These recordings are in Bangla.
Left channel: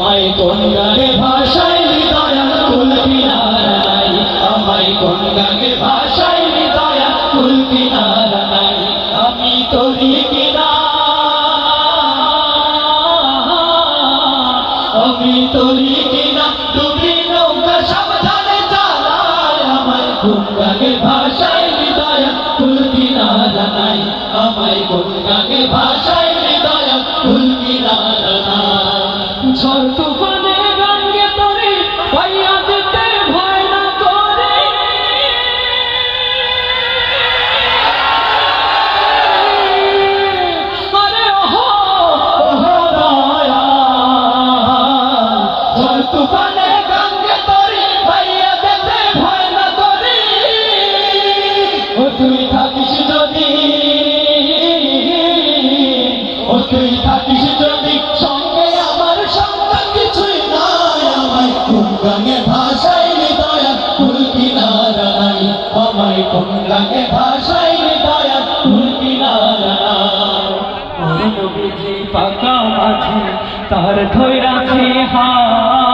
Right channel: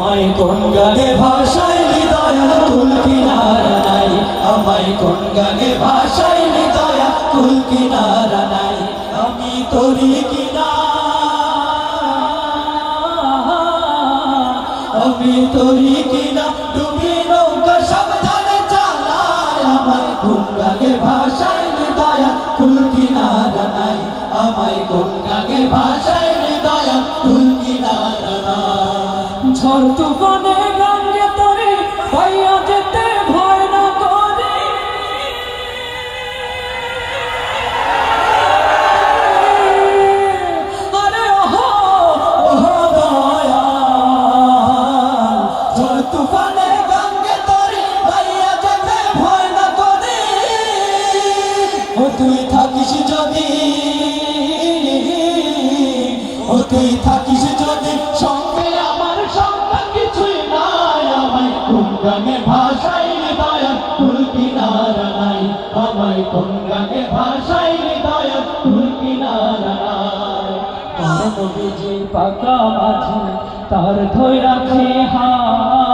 আমায় ভাষায় হৃদয়া কুল কিনারা নাই আমায় কোন গানে ভাষায় আমি কিনা। আমি নৌকা আমায় কোন ভাষায় আমায় ভাষায় ঝড় তুফানে গঙ্গে তরে পাইয়া যেতে ভয় না করে। আরে ওহো ওহো দয়াল, ঝড় তুফানে গঙ্গে তরি ভাইয়া যেতে ভয় না তুই থাকিস যদি ও তুই থাকিস গানে ভাষায় দয়া ফুল কিনারা নাই। আমায় কোন গানে ভাষায় দয়া ফুল কিনারা নাই। পাকা মাঝে, তার ধৈ রাখে হাত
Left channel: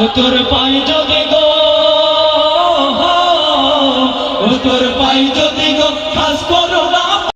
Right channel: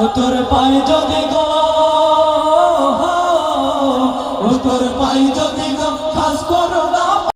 ও তোর পাই যদি গো ও তোর পাই যদি গো খাস করো না।